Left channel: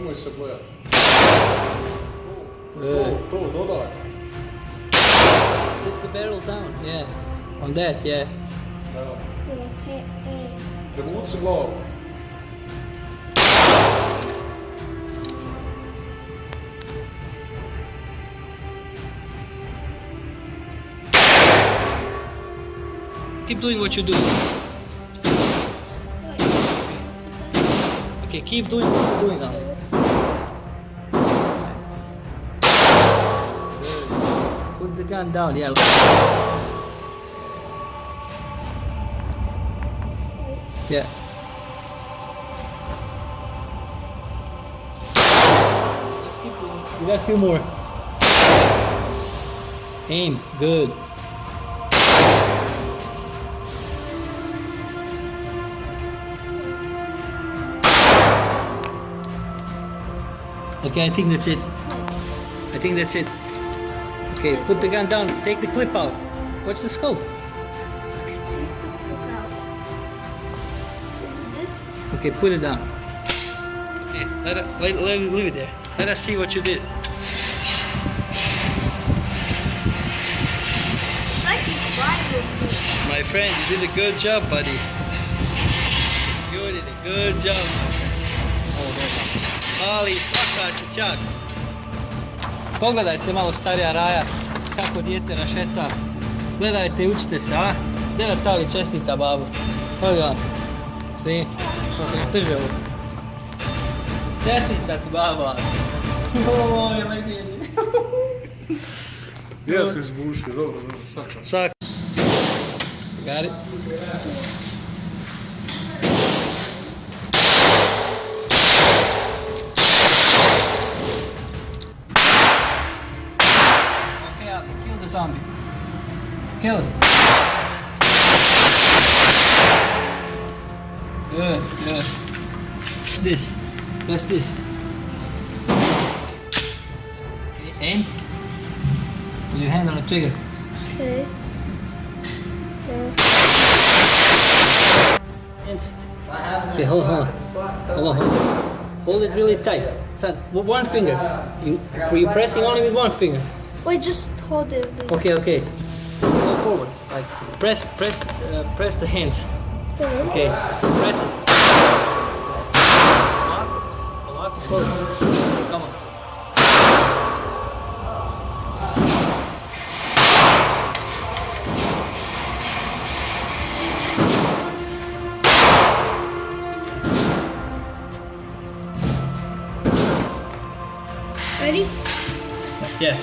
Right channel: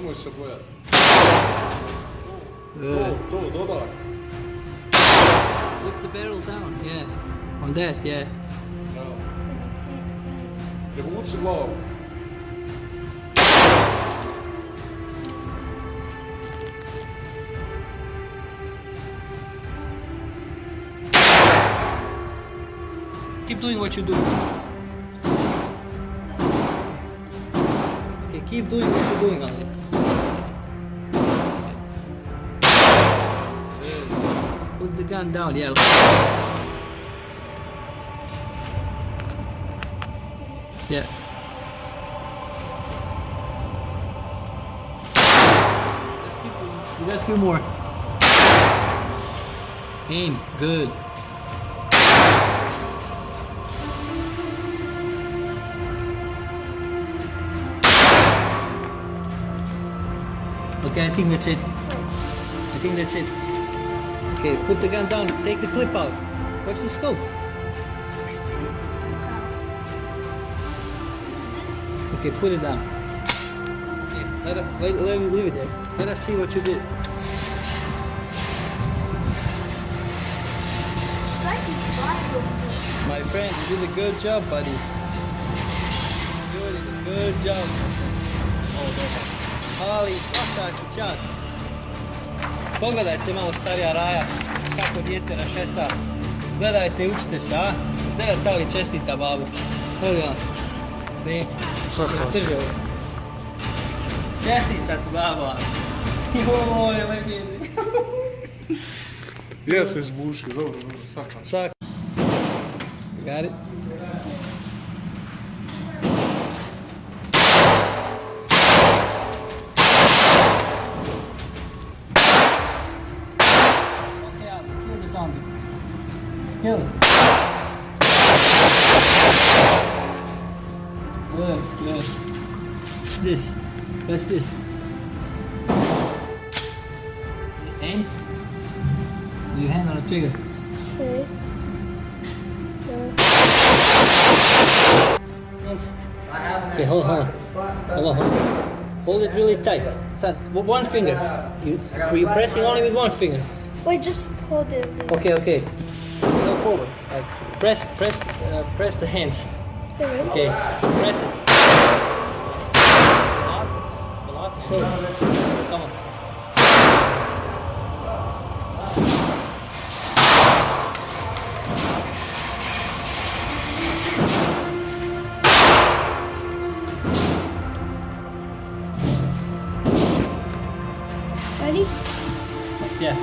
Nemoj se bojati. To, dodaj. Put the barrel down, yeah. On that, yeah. Evo. Prevuci glavu. Keep doing what you do. Okay, keep doing what you're doing now. Put the gun down, yeah. Yeah. Let's keep doing. We got a few more. Aim, good. Okay, I think that's it. I think that's it. Okay, put the gun down. Take the clip out. What's the scope? Okay, put it down. Okay, leave it there. Let us see what you did. My friend, you did a good job, buddy. You did a good job. Ali, svaka ti čast. Pogledajte malo starija Raja, kako dijete rašeta. Gledajte i učite se, a? Deva Tali čestita babu. Pogledaj. Svi. Drži ovo. Čestita ti baba. Joj, legeni. Ja se izbušio, dobro, svaka. Svaka. Got it? Zombie. Kill it. Good, good. What's this? What's this? Aim. Put your hand on the trigger. Okay. Hands. Okay, hold on. Hold on. Hold it really tight. Son, with one finger. You're pressing only with one finger. Wait, just hold it. Okay, okay. Go forward. Like press the hands. Okay. Press it. A lot. Slow. Come on. Ready? Yeah.